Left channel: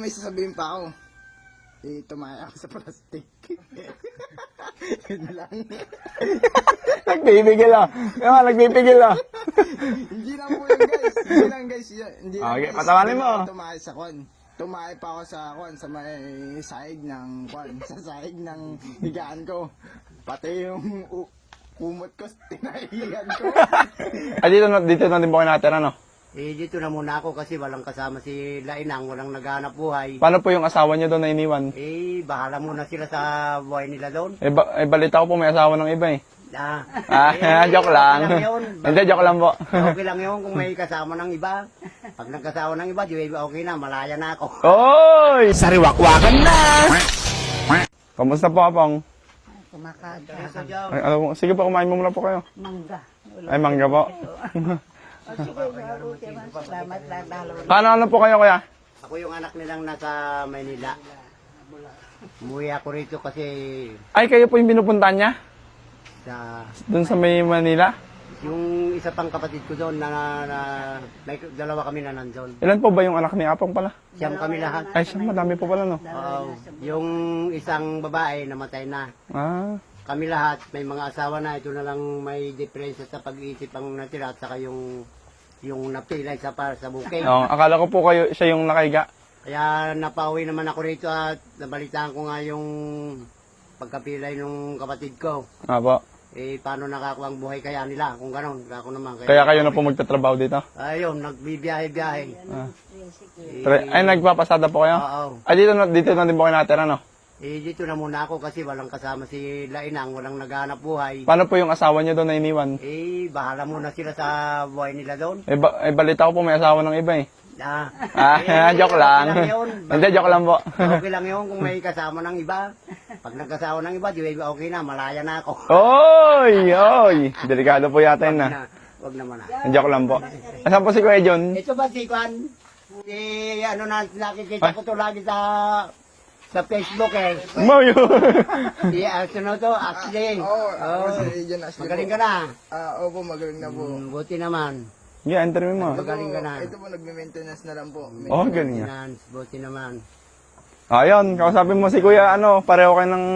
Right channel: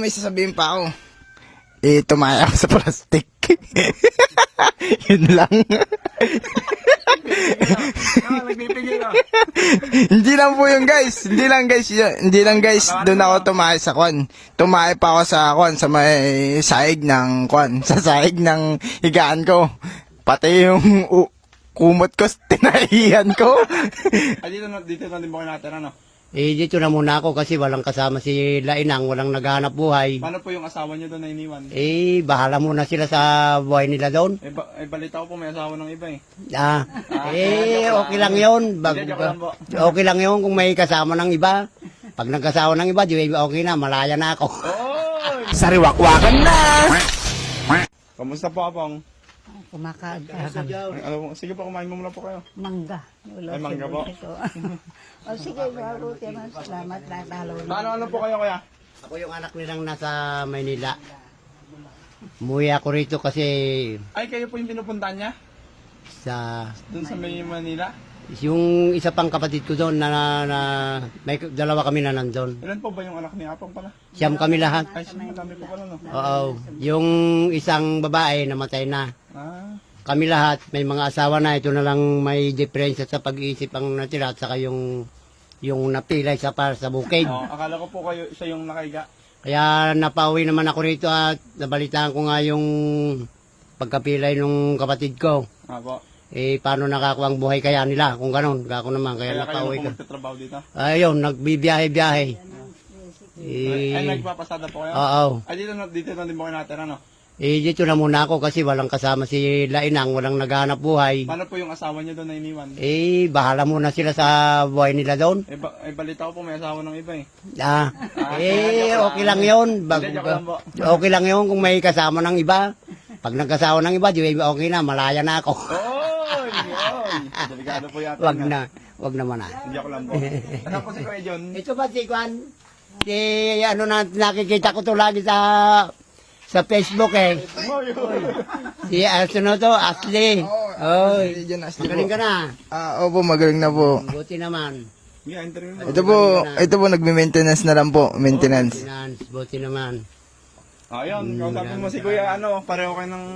may sasabihin pa ako. Tumaya ako sa plastic. Yun lang. Nagpipigil ah. Nagpipigil ah. Hindi lang po yun, guys. Hindi lang guys. Doon ako tumaya sa kwan. Tumaya pa ako sa kwan, sa may saig ng kwan. Sa saig ng higaan ko. Pati yung kumot ko, tinahiyan ko. Dito na din po kayo nakatira, no? Dito na muna ako kasi walang kasama si Lainang, walang naghahanap buhay. Paano po yung asawa niyo doon na iniwan? Bahala muna sila sa buhay nila doon. Balita ko po may asawa ng iba eh. Joke lang. Okay lang yun. Hindi, joke lang po. Okay lang yun kung may kasama ng iba. Pag nagkasama ng iba, di okay na, malaya na ako. Oy! Sariwakwakan na! Kamusta po, Apong? Kumakain. Ay, alam mo, sige po, kumain mo muna po kayo. Mangga. Ay, mangga po. O sige, mabuti man. Salamat na. Ano po kayo, kuya? Ako yung anak nilang nasa Maynila. Umuwi ako rito kasi Ay, kayo po yung pinupuntahan niya? sa Doon sa may Manila? yung isa pang kapatid ko doon na may dalawa kami na nandun. Ilan po ba yung anak ni Apong pala? Siyam kami lahat. Ay, siya, madami po pala, no? Oo. Yung isang babae namatay na. Ah, Kami lahat may mga asawa na. Ito na lang may diferensya sa pag-iisip ang natira at saka yung napilay sa bukid. akala ko po kayo, siya yung nakaiga. Kaya napauwi naman ako rito at nabalitaan ko nga yung pagkapilay ng kapatid ko. Po. Paano nakakuha ang buhay kaya nila kung ganun. Ako naman. Kaya kayo na napauwi po ko. magtatrabaho dito? Ayun, nagbibiyahe-biyahe. Ay, nagpapasada po kayo? Oo. Ay, dito na din po kayo nakatira, no? Dito na muna ako kasi walang kasama si Lainang, walang naghahanap buhay. Paano po yung asawa niyo doon na iniwan? Bahala muna sila sa buhay nila doon. Balita ko po may asawa ng iba eh. Joke lang. Okay lang yun. Hindi, joke lang po. Okay lang yun kung may kasama ng iba. Pag nagkasama ng iba, di okay na, malaya na ako. Oy! Delikado po yata Wag yun, na. Wag naman na. Joke lang po. Asan po si Kuya John? Ito ba si Kwan? Nakikita ko to lagi sa Facebook eh. Mayo! Si Arsuno to, Ashley. Oh, magaling ka na. Opo, magaling na po. Buti naman. Yeah, enter mo. Ito po, nagme-maintenance na lang po. Maintenance. Buti naman. Ayun, kausapin mo si Kuya, pareho kayo ng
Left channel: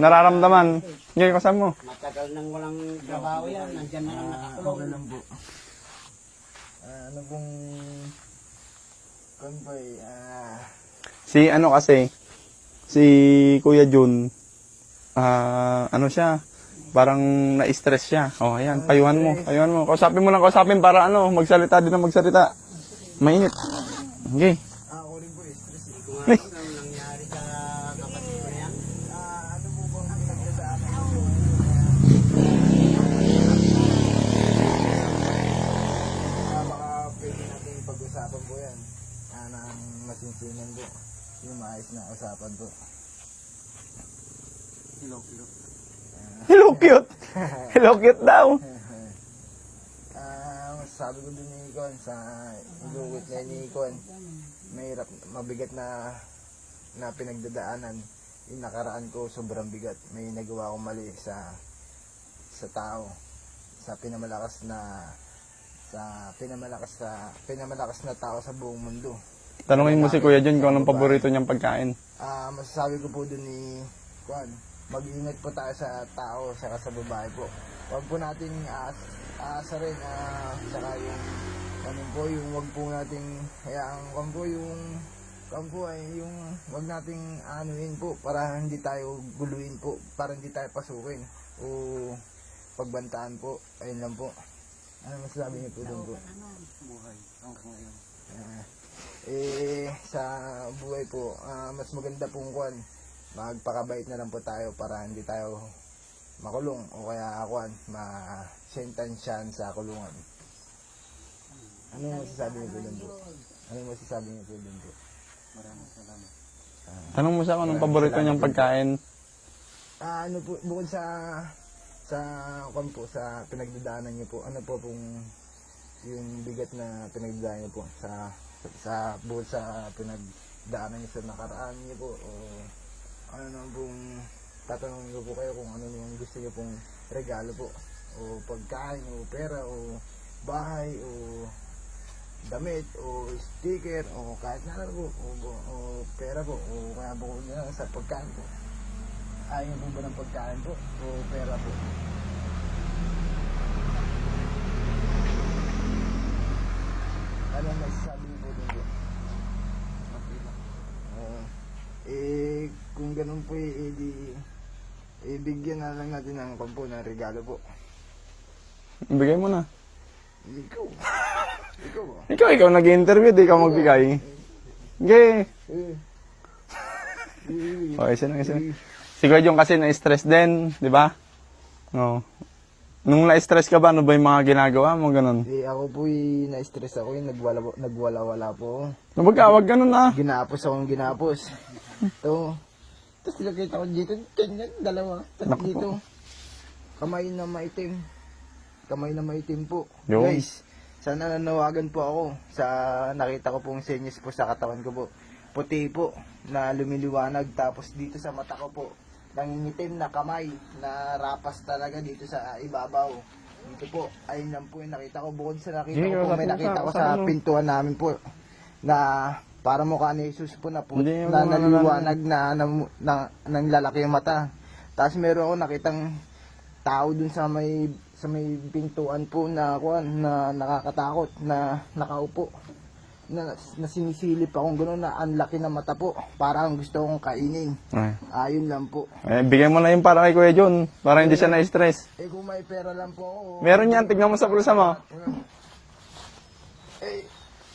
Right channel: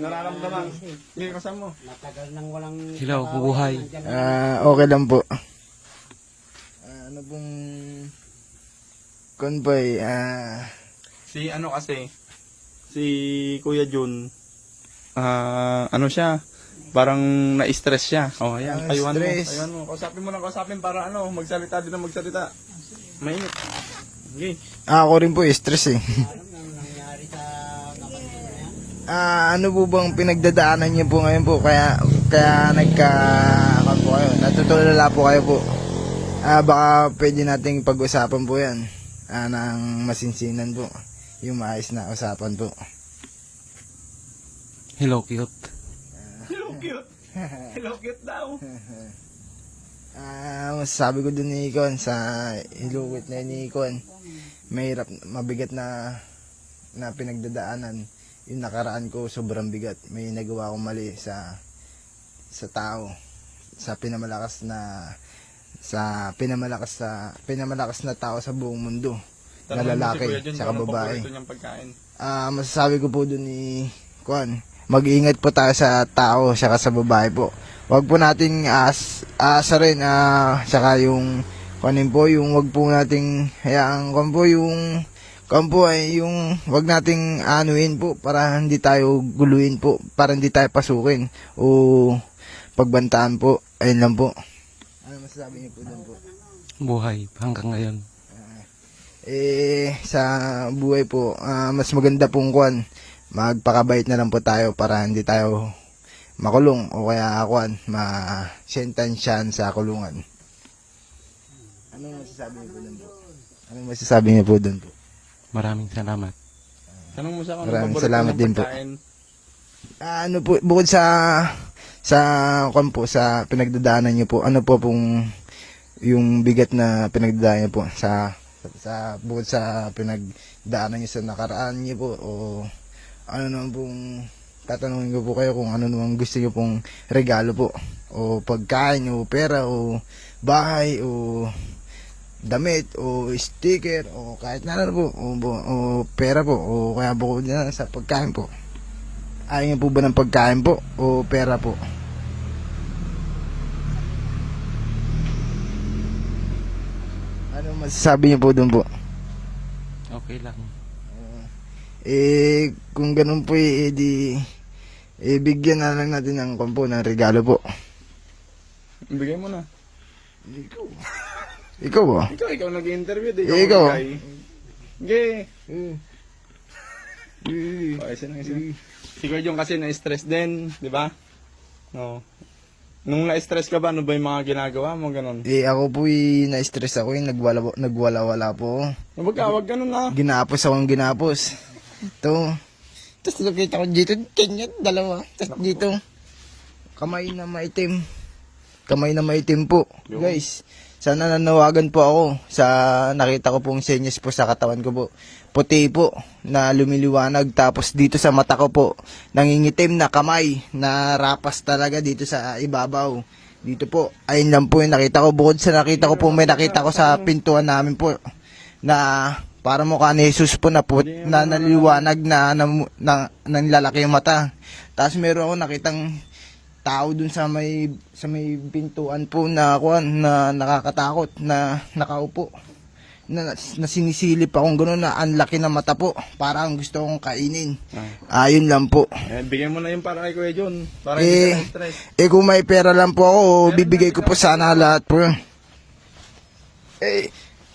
nararamdaman. Ngayon, kausapin mo. Matagal nang walang Hello, buhay. Okay lang po. Ano pong convoy? Si Kuya Jun, siya, parang na-stress siya. Ayan, payuhan mo. Kausapin mo lang, para magsalita din na magsalita. Mainit. Okay. Ako rin po, stress eh. Ano po bang pinagdadaanan niyo po ngayon po? Kaya po kayo. Natutulala po kayo po. Baka pwede nating pag-usapan po yan. Ng masinsinan po. Yung maayos na usapan po. Hello, cute. Hello, cute. Hello, cute daw. Masasabi ko dun ni Ikon sa ilukit na ni Ikon, mahirap, mabigat na pinagdadaanan. Yung nakaraan ko sobrang bigat. May nagawa akong mali sa tao, sa pinamalakas na tao sa buong mundo. Tanungin mo si Kuya Jun kung anong babae. paborito niyang pagkain. Masasabi ko po dun ni Kwan, mag-iingat po tayo sa tao saka sa babae po. Wag po nating asa rin, saka yung kunin po, yung wag po nating hayaan yung wag nating anuin po para hindi tayo guluhin po, para hindi tayo pasukin o pagbantaan po. Ayun lang po. Ano masasabi niyo po doon po? Buhay hanggang ngayon. Sa buhay po, mas maganda pong kwan, magpakabait na lang po tayo para hindi tayo makulong o kaya ma-sentensyahan sa kulungan. Ano yung masasabi niyo po doon po? Ano yung masasabi niyo po doon po? Maraming salamat. Tanong mo siya kung anong Maraming paborito salamat niyang din po. pagkain. Ano po, bukod sa pinagdadaanan niyo po, ano po pong yung bigat na pinagdadaanan niyo po bukod sa pinagdaanan niyo sa nakaraan niyo po, o ano naman pong tatanungin ko po kayo kung ano naman gusto niyo pong regalo po, o pagkain o pera o bahay o damit o sticker o kahit na ano po o pera po o kaya bukod na sa pagkain po. Ayaw niyo po ba ng pagkain po o pera po? Ano masasabi niyo po doon po? Okay lang. Kung ganun po di bigyan na lang natin ng kompo ng regalo po. Ibigay mo na. Ikaw ba? Ikaw nag-interview, di ikaw Ikaw. magbigay. Yay! Okay, isa. Si Kuya Jong kasi na-stress din, di ba? Oo. Nung na-stress ka ba, ano ba yung mga ginagawa mo, ganun? Ako po na-stress ako nagwala-wala po. Wag ganun na. Ginapos akong ginapos. Ito. Tapos nakita ko dito, ganyan, dalawa. Tapos dito, kamay na maitim. Kamay na maitim po. Yun. Guys, sana nanawagan po ako sa nakita ko pong senyas po sa katawan ko po. Puti po na lumiliwanag, tapos dito sa mata ko po nangingitim na kamay na rapas talaga dito sa ibabaw. Dito po, ayun lang po yung nakita ko. Bukod sa nakita ko po, may nakita ko sa pintuan namin po na para mukha ni Jesus po na po na naliwanag na lalaki yung mata. Tapos meron ako nakitang tao dun sa may pintuan po na nakakatakot na nakaupo. Na sinisilip akong gano'n na ang laki ng mata po. Parang gusto kong kainin. Ayun lang po. Bigyan mo na yung para kay Kuya John, para hindi siya na-stress. Kung may pera lang po ako, Meron bibigay yan, ko tignan po mo sa sana kita mo. lahat po.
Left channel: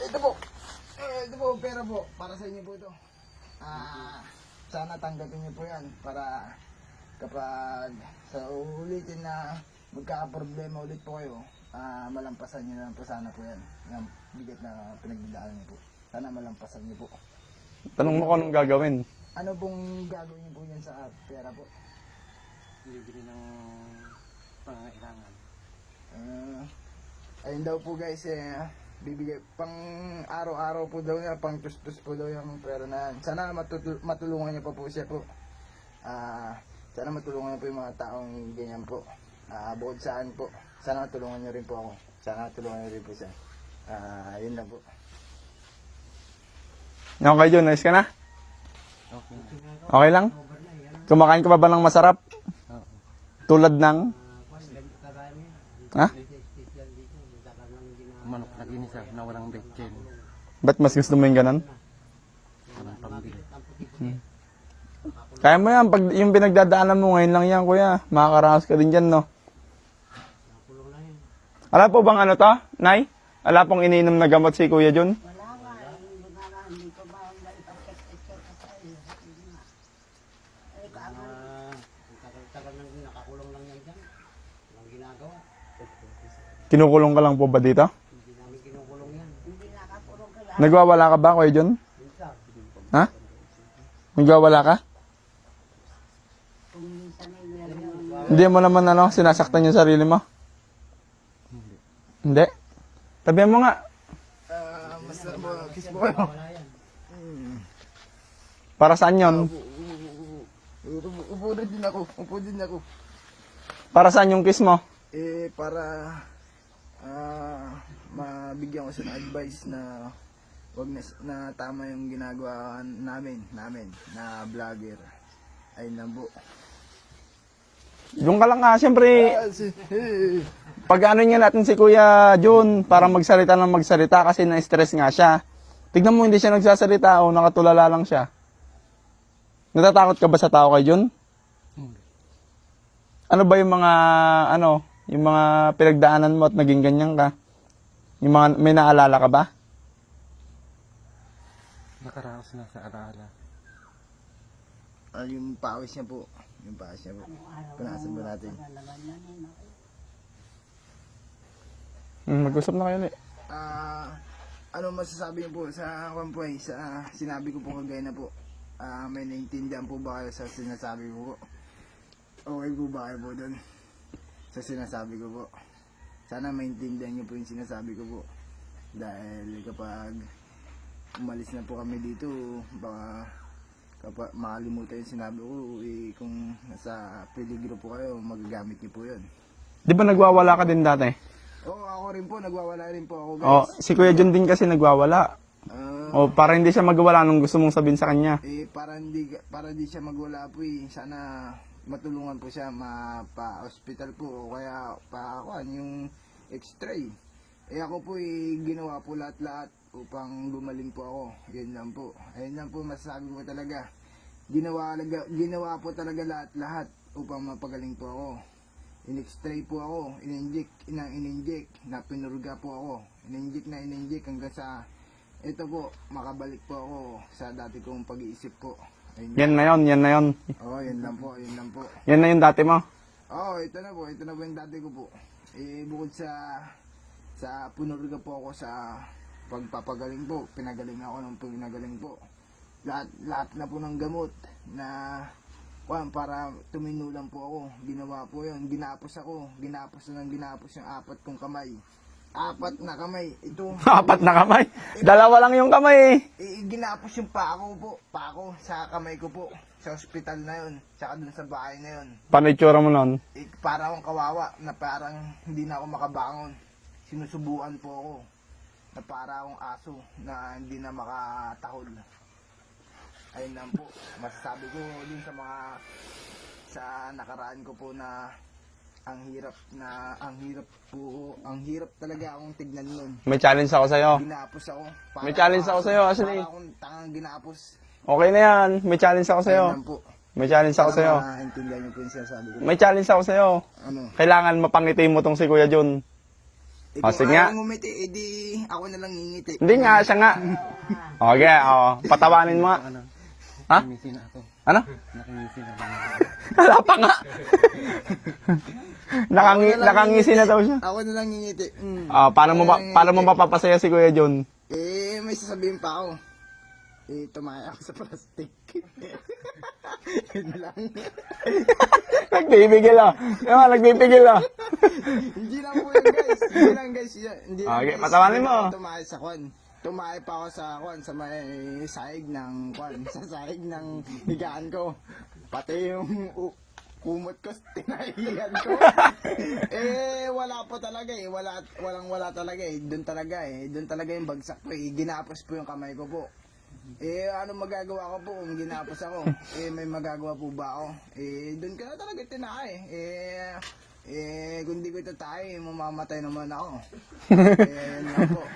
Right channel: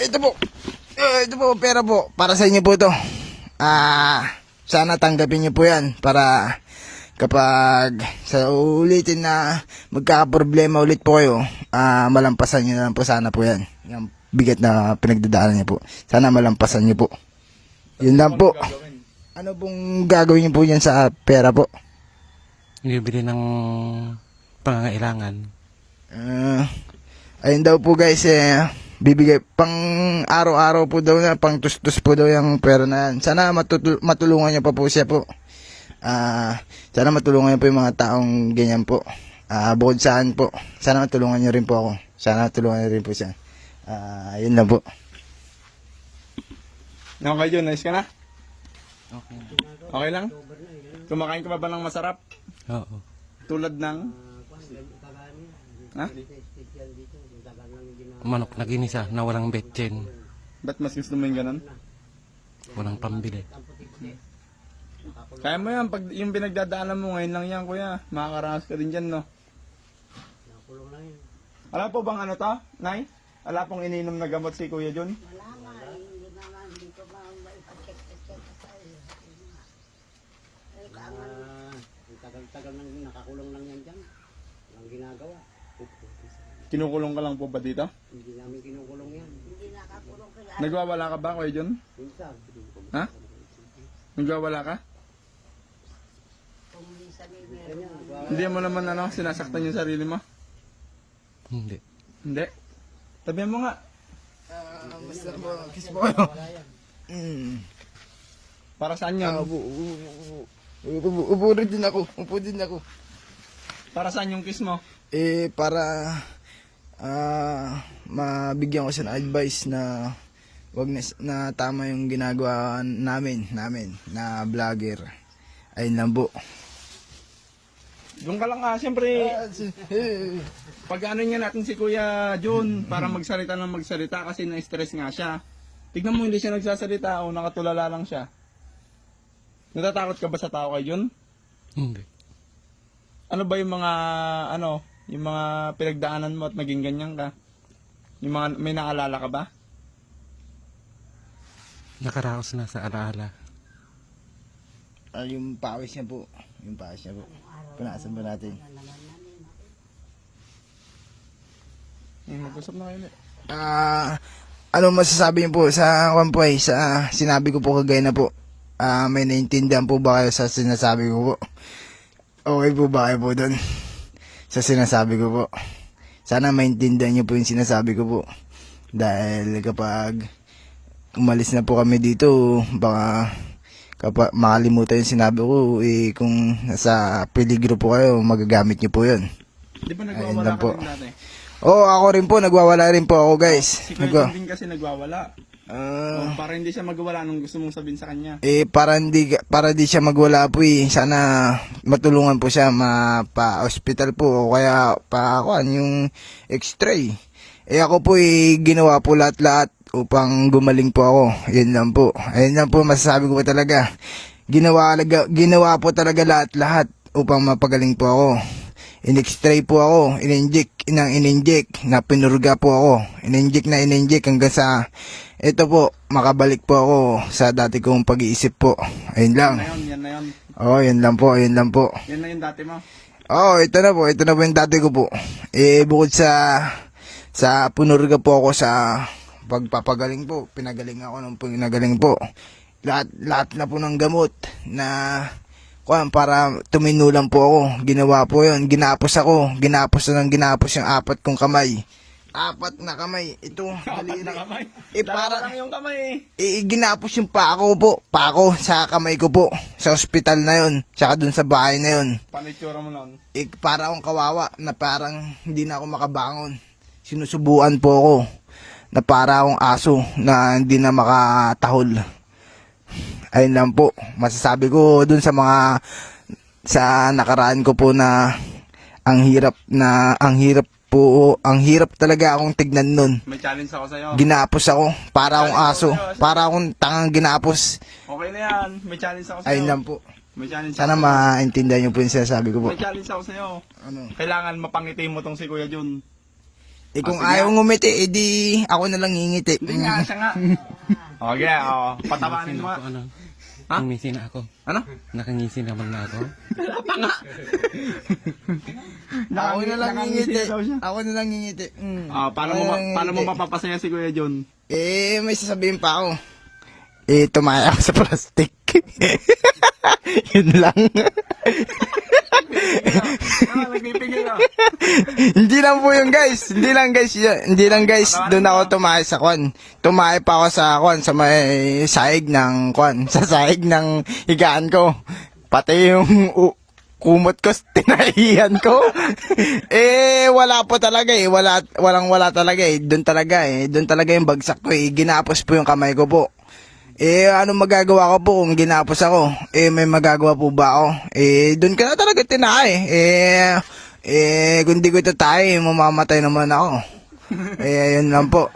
Ito po. Ito po, pera po. Para sa inyo po ito. Sana tanggapin niyo po yan para kapag sa ulitin na magkakaproblema ulit po kayo, malampasan niyo na lang po sana po yan. Yung bigat na pinagdadaanan niyo po. Sana malampasan niyo po. Yun lang po. Anong gagawin? Ano pong gagawin niyo po yan sa pera po? Bibili ng pangangailangan. Ayun daw po guys, bibigay pang araw-araw po daw na, pang tustos po daw yung pera na yan. Sana matulungan niyo pa po siya po. Sana matulungan niyo po yung mga taong ganyan po. Bukod saan po, sana matulungan niyo rin po ako. Sana matulungan niyo rin po siya. Yun lang po. Yung Kuya John, nice ka na? Okay lang? Kumakain ka pa ba ng masarap? Oo. Tulad ng? Ha? Manok na ginisa na walang betchen. Ba't mas gusto mo yung ganun? Walang pambili. Kaya mo yan, pag yung pinagdadaanan mo ngayon lang yan, kuya. Makakaraos ka din dyan, no? Alam po bang ano to, Nay? Alam pong iniinom na gamot si Kuya John? Tagal nang nakakulong lang yan dyan. Ang ginagawa. Kinukulong ka lang po ba dito? Hindi namin kinukulong yan. Nagwawala ka ba, Kuya John? Minsan. Ha? Nagwawala ka? Hindi mo naman sinasaktan yung sarili mo? Hindi. Hindi? Tabihan mo nga. Basta po, kiss mo kayo. Para saan yun? Upo rin din ako. Upo din ako. Para saan yung kiss mo? Para mabigyan ko siya ng advice na wag na tama yung ginagawa namin na vlogger. Ayun lang po. Doon ka lang nga, siyempre, pag ano niya natin si Kuya John, para magsalita ng magsalita kasi na-stress nga siya. Tignan mo, hindi siya nagsasalita o nakatulala lang siya. Natatakot ka ba sa tao kay John? Hindi. Ano ba yung mga pinagdaanan mo at naging ganyan ka? Yung mga, may naalala ka ba? Nakaraos na sa alaala. Yung pawis niya po. Yung pawis niya po. Punasan ba natin? Mag-usap na kayo ulit. Ano masasabi niyo po sa Wampoy, sa sinabi ko po kagaya na po? May naintindihan po ba kayo sa sinasabi ko po? Okay po ba kayo po doon? Sa sinasabi ko po. Sana maintindihan niyo po yung sinasabi ko po. Dahil kapag umalis na po kami dito, baka kapag makalimutan yung sinabi ko, kung nasa peligro po kayo, magagamit niyo po yun. Di ba nagwawala Ayun lang ka po. din dati? Oo, ako rin po, nagwawala rin po ako, guys. Si Kuya John din kasi nagwawala. O para hindi siya magwala nung gusto mong sabihin sa kanya. Para di siya magwala po eh. Sana matulungan po siya mapa-hospital po o kaya yung x-ray. Ako po ginawa po lahat-lahat upang gumaling po ako. Yan lang po. Ayun lang po masasabi ko po talaga. Ginawa po talaga lahat-lahat upang mapagaling po ako. In-x-ray po ako, in-inject, na pinurga po ako. In-inject hanggang sa ito po, makabalik po ako sa dati kong pag-iisip po. Ayun lang. Yan na yun. Oh, yan lang po. Yan na yung dati mo. Oh, ito na po yung dati ko po. Bukod sa punurga po ako sa pagpapagaling po, pinagaling ako ng pinagaling po. Lahat na po ng gamot na para tuminulang po ako. Ginawa po yun. Ginapos yung 4 kong kamay. 4 na kamay. Ito. 4 na kamay. Dalawa lang yung kamay Ginapos yung pako sa kamay ko po. Sa ospital na yun. Tsaka dun sa bahay na yun. Paano itsura mo nun? Para akong kawawa na parang hindi na ako makabangon. Sinusubuan po ako na para akong aso na hindi na makatahol. Ayun lang po. Masasabi ko dun sa nakaraan ko po na ang hirap talaga akong tignan nun. May challenge ako sa'yo. Ginapos ako. Para akong challenge ako aso. sa'yo, Para akong tangang ginapos. Okay na yan. May challenge ako sa'yo. Ayun lang po. May challenge ako Sana sa'yo. maintindihan niyo po yung sinasabi ko po. May challenge ako sa'yo. Ano? Kailangan mapangiti mo tong si Kuya John. Kung sige. ayaw ngumiti, edi ako na lang ngingiti. Hindi nga, siya nga. Okay, patawanin mo nga. Ano? Ha? Nangisi na ako. Ano? Nakangisi naman na ako. Wala pa nga. Nakangisi na daw siya. Ako na lang ngingiti. Paano mo mapapasaya si Kuya John? May sasabihin pa ako. Tumaya ako sa plastic. Yun lang. Nagpipigil ah. Hindi lang po yun, guys. Hindi lang guys. patawanin Doon mo. ako tumaya sa kwan. Tumaya pa ako sa kwan, sa may sahig ng kwan. Sa sahig ng higaan ko. Pati yung kumot ko, tinahiyan ko. Wala po talaga wala talaga Doon talaga yung bagsak ko Ginapos po yung kamay ko po. Ano magagawa ko po kung ginapos ako? May magagawa po ba ako? Doon ka na talaga tinay. Kung di ko ito tayo, mamamatay naman ako. Yun lang po.